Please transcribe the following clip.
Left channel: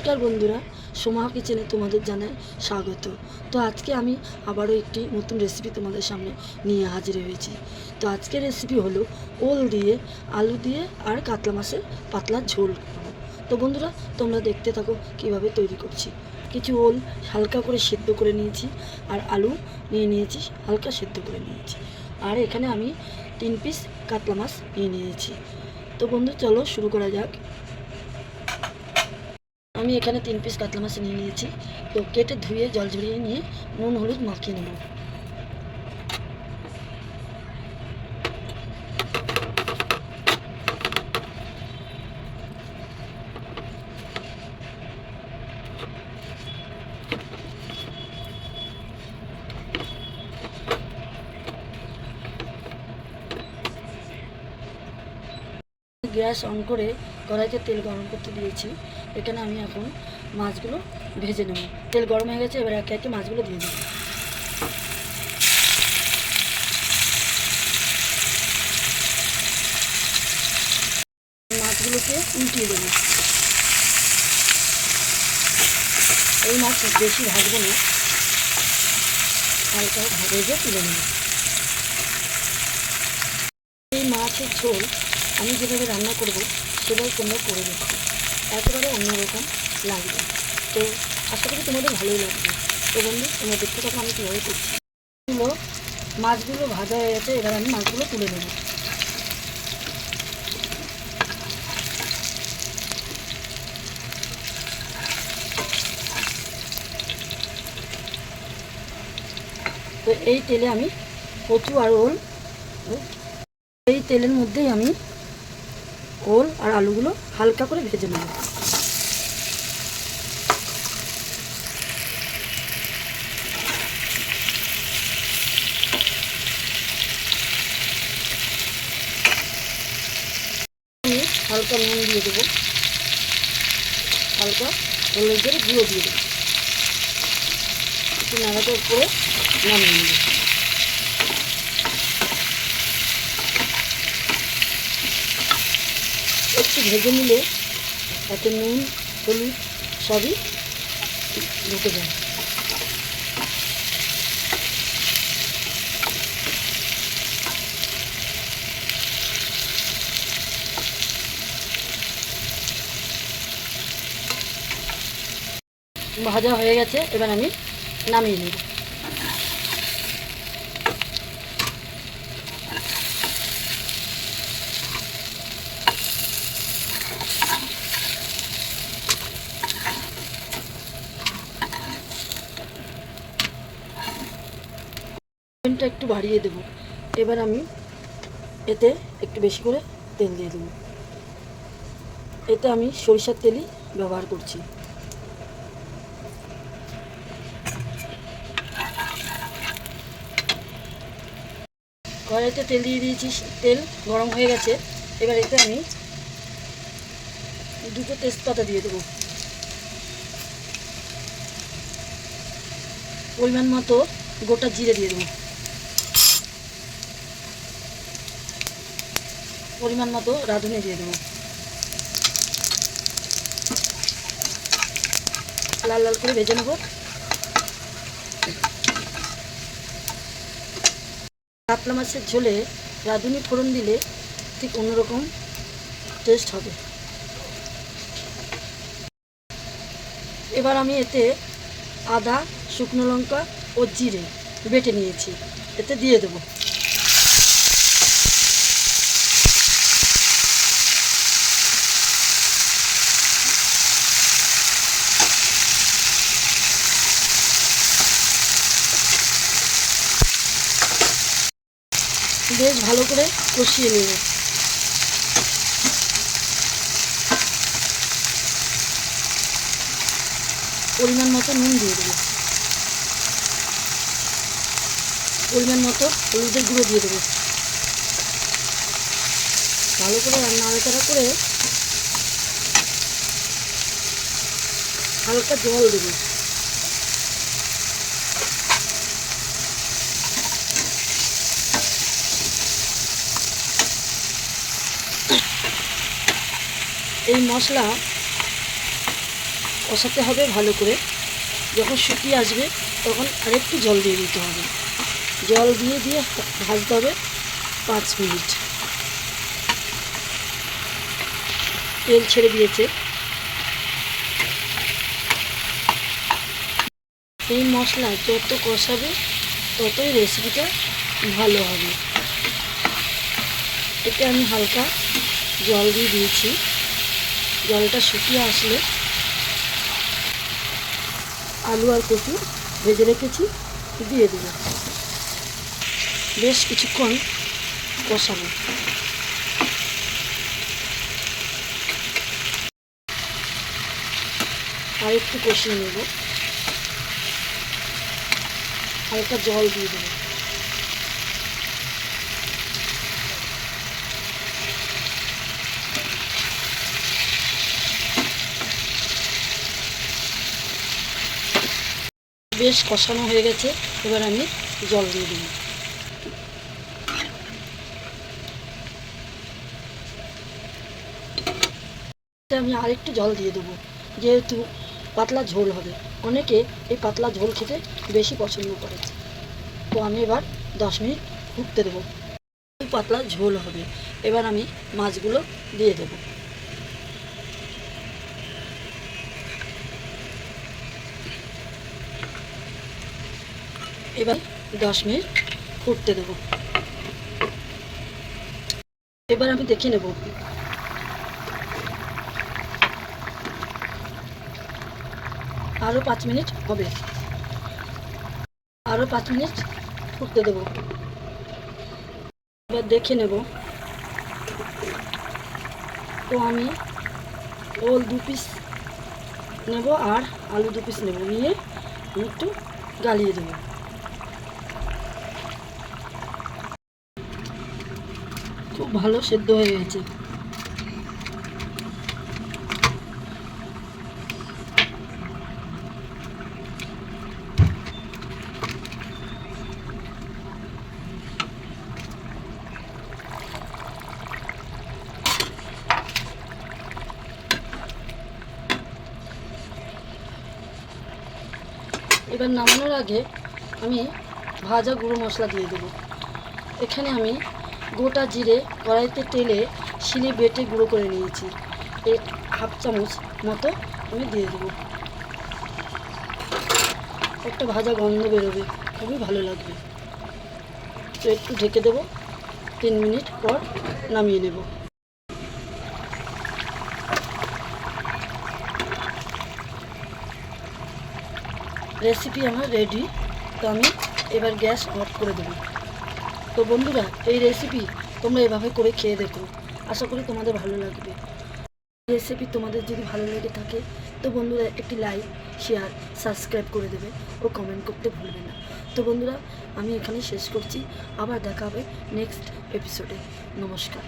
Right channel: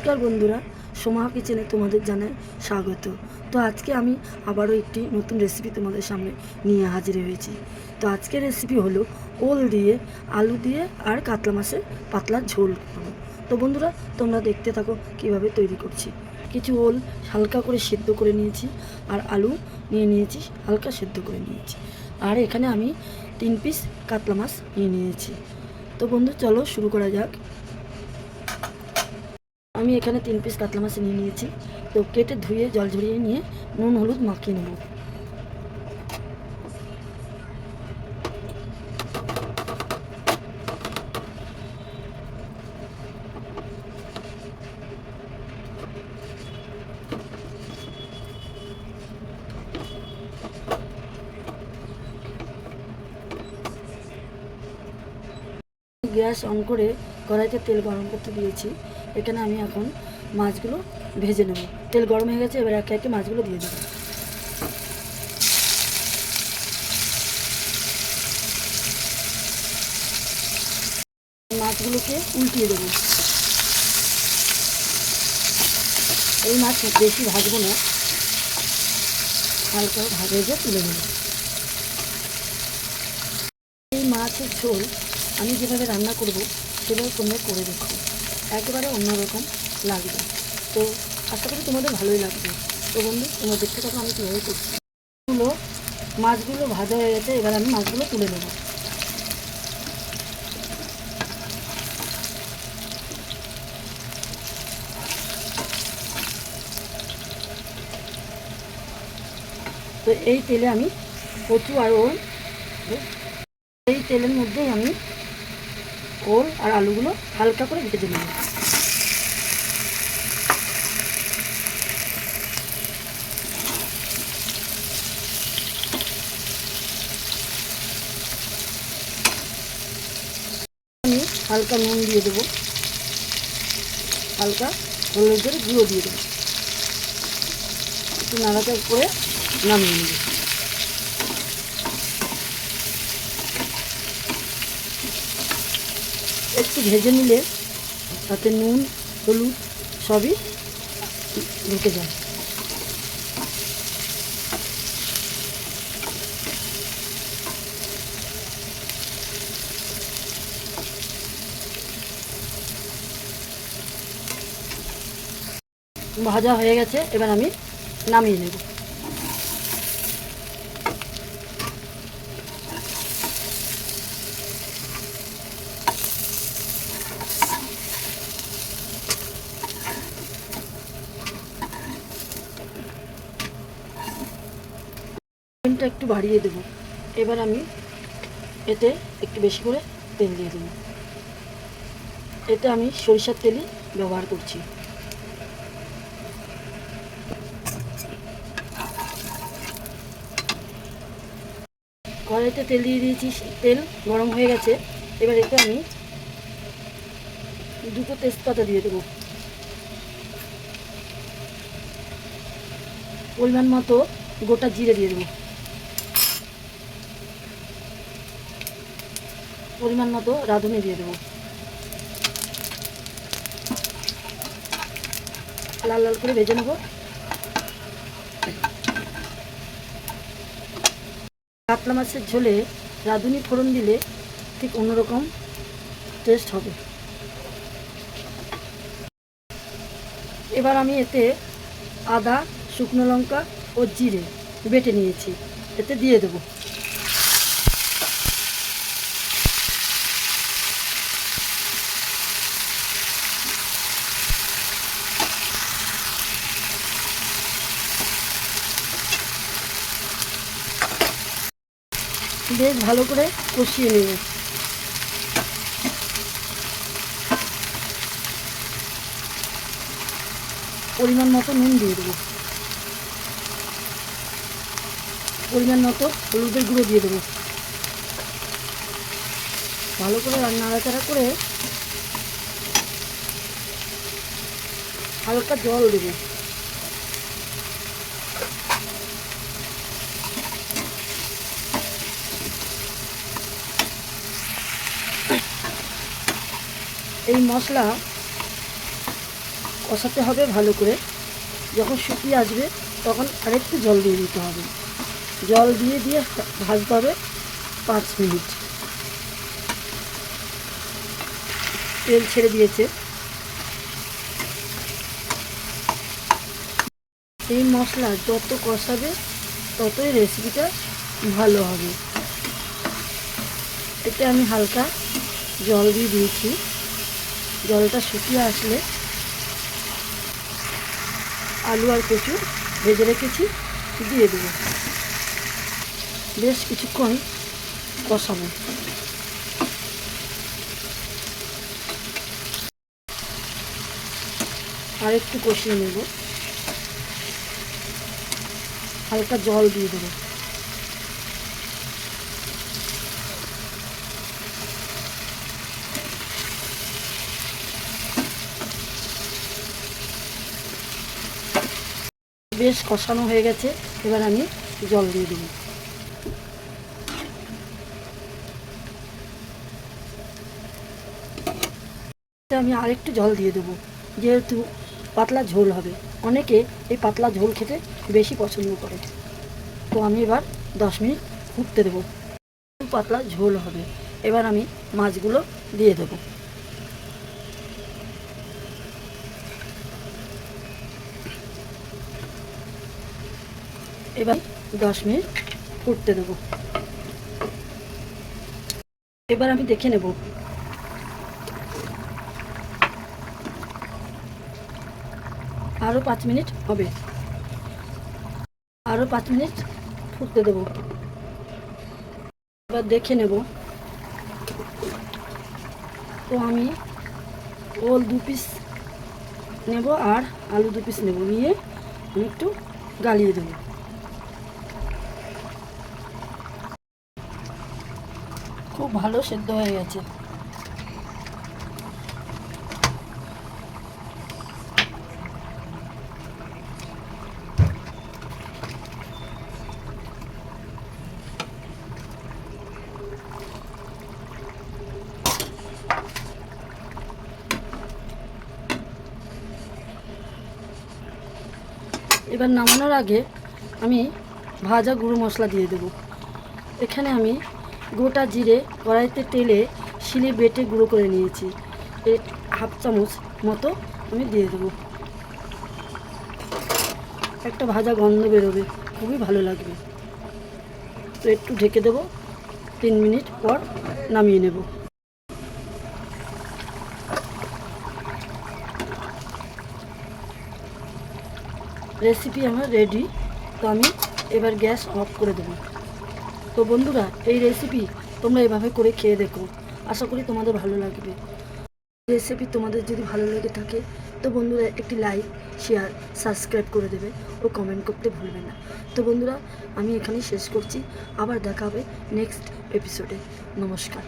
নমস্কার বন্ধুরা, সোমা কিচেনে তোমাদের জানাই স্বাগত। তো আজকে আমি আবারও একটি নতুন রেসিপি তোমাদের সামনে নিয়ে হাজির হয়েছি। তো আজকের রেসিপি হলো ওল দিয়ে, আলু দিয়ে আর কাতলা মাছের পাতলা ঝোল করবো। তো বন্ধুরা, তোমরা দেখতে থাকো কিভাবে তৈরি করছি। কিছু ওল হালকা করে সেদ্ধ করে নিয়েছি, আর আলু নিয়ে নিয়েছি হালকা সেদ্ধ করে নিয়েছি, আর এখানে আমি 3 পিস কাতলা মাছ নিয়ে নিয়েছি। তো বন্ধু, চলো শুরু করা যাক। আমি এখানে 3 পিস কাতলা মাছ নিয়ে নিয়েছি। তো কেটে ধুয়ে জল ঝরিয়ে নিয়ে নুন হলুদ মাখিয়ে নেব। গ্যাস অন করে কড়াইতে তেল গরম করতে দিয়েছি। এখানে আমি এখন মাছগুলো ভেজে নেব। তেল গরম হয়ে গেছে, এবার একে একে মাছগুলো দিয়ে দেবো। মাছগুলোকে উল্টিয়ে দেবো। এই মাছ বেশি ভাজবো না, হালকা ভেজে তুলে নেব। এই মাছের ঝোল আমি যেভাবে রান্না করব সেভাবে তোমরা করে দেখো, একেবারে অন্যরকম লাগবে। তো আশা করি তোমাদের ভালোই লাগবে। তো বন্ধু, তোমরা দেখতে থাকো আমি কীভাবে করছি। মাছগুলো ভাজা হয়ে গেছে, এবার আমি মাছগুলো তুলে নেব। তো এই তেলে আমি কচু আর ওল, এই তেলের মধ্যেই আমি ওল আর আলুগুলো হালকা করে ভেজে নেব। আমি হালকা নুন দিয়ে দেবো, হালকা হলুদের গুঁড়ো দিয়ে দেবো, একটু নাড়াচাড়া করে নামিয়ে নেব। একটু ভেজে নিলে তাতে নুন হলুদ সবই ঢুকে যায়। ভাজা হয়ে গেছে, এবার আমি নামিয়ে নেব। ফ্লেমটা একটু বাড়িয়ে দেব। এবার আমি এতে একটু বেশি করে তেল দিয়ে দেবো। এতে আমি সরিষার তেলই ব্যবহার করছি। কড়াইতে তেল দিয়ে দিয়েছি, তেল গরম হয়ে গেছে। এবার এতে আমি 2টো তেজপাতা দিয়ে দেবো। পরিমাণ মতো গোটা জিরে দিয়ে দেবো। পরিমাণ মতো রাঁধুনি দিয়ে দেবো। লাল লাল করে ভেজে নেব। কাতলা মাছের ঝোলে রাঁধুনি ফোড়ন দিলে ঠিক অন্যরকম টেস্ট হবে। এবার আমি এতে আদা, শুকনো লঙ্কা ও জিরে বেটে নিয়েছি, এতে দিয়ে দেবো। বেশ ভালো করে কষিয়ে নেব। পরিমাণ মতো নুন দিয়ে দেবো। পরিমাণ মতো হলুদের গুঁড়ো দিয়ে দেবো। ভালো করে নাড়াচাড়া করে হালকা জল দেবো। এই মশলা কষাতে হবে ভালো করে। যখন শুকিয়ে আসবে তখন আরেকটু জল দিয়ে দিতে হবে। জল দিয়ে দিয়ে ভাজতে হবে 5 মিনিট। তেল ছেড়ে দিয়েছে। এই মশলা যত কষাবে ততই রেসিপিটা ভালো হবে। এতে আমি হালকা জল দিয়ে দিয়েছি। জলটা শুকিয়ে আসলে আলু আর কচু ভেজে রেখেছি দিয়ে দেবো। বেশ কিছুক্ষণ কষাবো। আর একটু কষিয়ে নেব। হালকা জল দিয়ে দেবো। বেশ কষানো হয়ে গেছে, এবার আমি জল দিয়ে দেবো। আমি আরেকটু জল দিয়ে দেবো, যেহেতু পাতলা ঝোল হবে। অনেকে এই পাতলা ঝোল খেতে বেশি পছন্দ করে। তো আমি এবার 10 মিনিট ফুটতে দেবো। পাতলা ঝোল হবে। এবার আমি মাছগুলো দিয়ে দেবো। এবার 10 মিনিট ফুটতে দেবো। এবার আমি দেখে নেব। আরও 5 মিনিট হবে। আরও 5 মিনিট ফুটতে দেবো। এবার দেখে নেব। তো আমি ওল 2 পিস নেব আর আলু 2 পিস নেব, নিয়ে আমি একটু গালিয়ে দেবো। খুব ভালো সেদ্ধ হয়ে গেছে। এবার নামানোর আগে আমি ভাজা গুঁড়ো মশলা দিয়ে দেবো। এখানে আমি গোটা জিরে কড়াইতে তেলে শিলে বেটে গুঁড়ো করে নিয়েছি। এই 1/2 চামচ মতো আমি দিয়ে দেবো। একটা ভাজা গন্ধ বেরোবে, খুবই ভালো লাগবে। তো একটু ঢেকে দেবো। 3 মিনিট পর নামিয়ে নেব। রেসিপি আমার রেডি। তো আমি এবার গ্যাস অফ করে দেবো। তো বন্ধুরা, এই রেসিপি তোমরা এভাবে করে খেয়ে দেখো। আশা করি তোমাদের ভালো লাগবে। রেসিপি তোমাদের যদি ভালো লেগে থাকে তো বন্ধুরা একটি লাইক, শেয়ার, সাবস্ক্রাইব করে দেবে ও কমেন্ট করতে ভুলবে না। তো বন্ধুরা, আমি এখানে শেষ করছি। আবার দেখা হবে নেক্সট এপিসোডে। নমস্কার।